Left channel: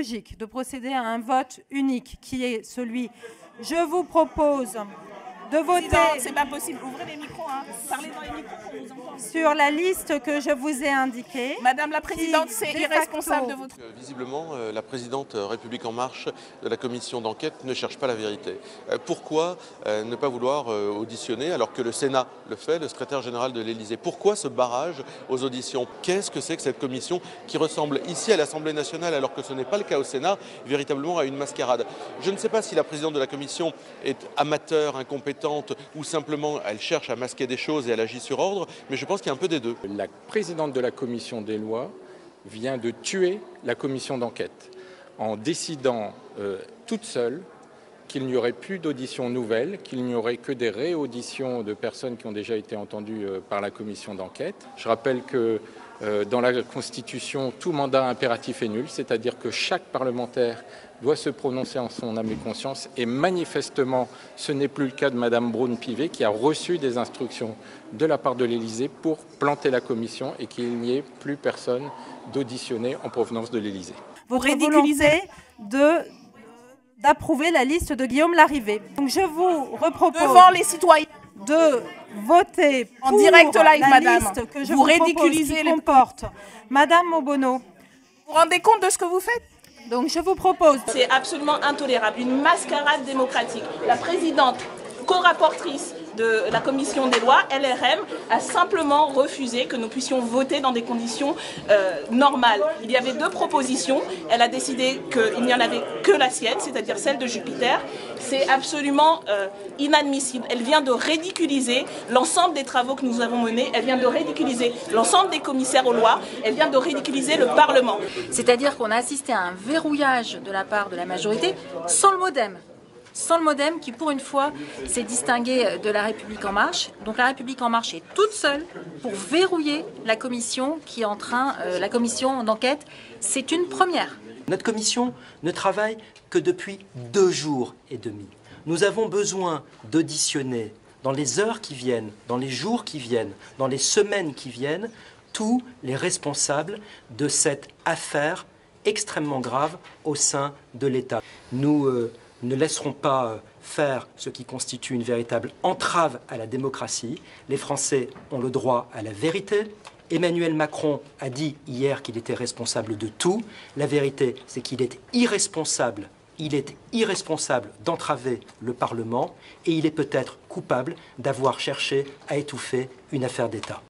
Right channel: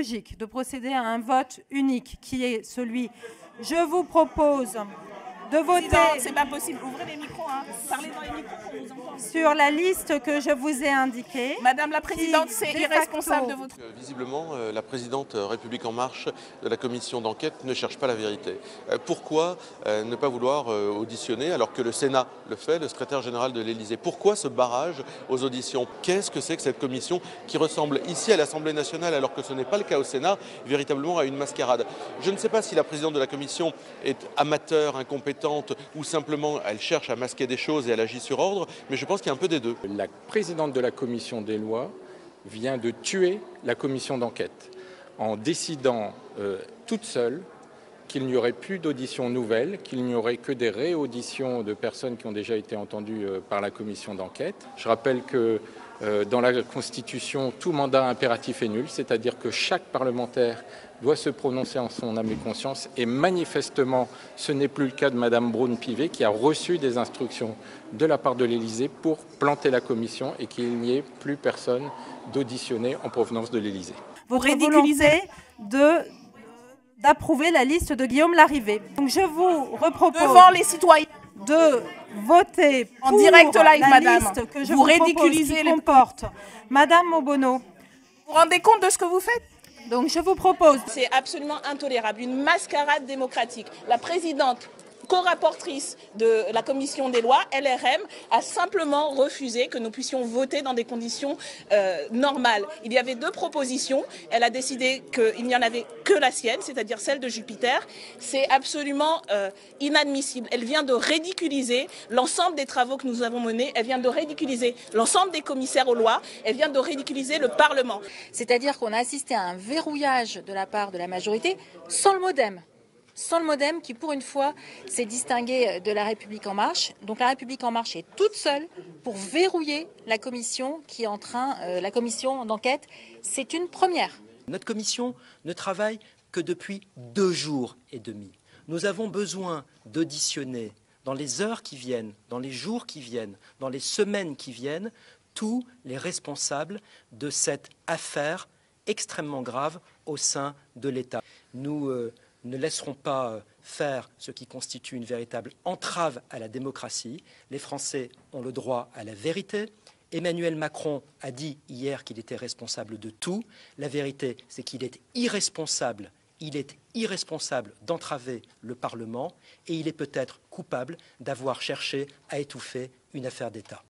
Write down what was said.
logique de procéder à un vote unique qui est celui. Je vous propose de voter. C'est pas possible. Ouvrez les micros. Hein. Parlez dans les micros pour vous entendre. Sur la liste que je vous ai indiquée. Madame la Présidente, c'est irresponsable de votre... Visiblement, la présidente République En Marche de la commission d'enquête ne cherche pas la vérité. Pourquoi ne pas vouloir auditionner alors que le Sénat le fait, le secrétaire général de l'Élysée? Pourquoi ce barrage aux auditions? Qu'est-ce que c'est que cette commission qui ressemble ici à l'Assemblée nationale alors que ce n'est pas le cas au Sénat, véritablement à une mascarade? Je ne sais pas si la présidente de la commission est amateur, incompétente ou simplement elle cherche à masquer des choses et elle agit sur ordre, mais je pense qu'il y a un peu des deux. La présidente de la commission des lois vient de tuer la commission d'enquête en décidant toute seule qu'il n'y aurait plus d'auditions nouvelles, qu'il n'y aurait que des réauditions de personnes qui ont déjà été entendues par la commission d'enquête. Je rappelle que dans la Constitution, tout mandat impératif est nul, c'est-à-dire que chaque parlementaire doit se prononcer en son âme et conscience, et manifestement, ce n'est plus le cas de Madame Braun-Pivet, qui a reçu des instructions de la part de l'Élysée pour planter la commission et qu'il n'y ait plus personne d'auditionné en provenance de l'Élysée. Votre volonté d'approuver la liste de Guillaume Larrivé. Donc je vous repropose devant les citoyens de voter pour en direct live, la madame. Liste que je vous ridiculisez les comporte Madame Obono. Vous vous rendez compte de ce que vous faites? Donc je vous propose. C'est absolument intolérable, une mascarade démocratique. La présidente, co-rapportrice de la commission des lois, LRM, a simplement refusé que nous puissions voter dans des conditions normales. Il y avait deux propositions, elle a décidé qu'il n'y en avait que la sienne, c'est-à-dire celle de Jupiter. C'est absolument inadmissible. Elle vient de ridiculiser l'ensemble des travaux que nous avons menés, elle vient de ridiculiser l'ensemble des commissaires aux lois, elle vient de ridiculiser le Parlement. C'est-à-dire qu'on a assisté à un verrouillage de la part de la majorité sans le modem. Sans le modem qui, pour une fois, s'est distingué de la République En Marche. Donc la République En Marche est toute seule pour verrouiller la commission qui est en train, la commission d'enquête. C'est une première. Notre commission ne travaille que depuis 2 jours et demi. Nous avons besoin d'auditionner dans les heures qui viennent, dans les jours qui viennent, dans les semaines qui viennent, tous les responsables de cette affaire extrêmement grave au sein de l'État. Nous ne laisserons pas faire ce qui constitue une véritable entrave à la démocratie. Les Français ont le droit à la vérité. Emmanuel Macron a dit hier qu'il était responsable de tout. La vérité, c'est qu'il est irresponsable. Il est irresponsable d'entraver le Parlement et il est peut-être coupable d'avoir cherché à étouffer une affaire d'État.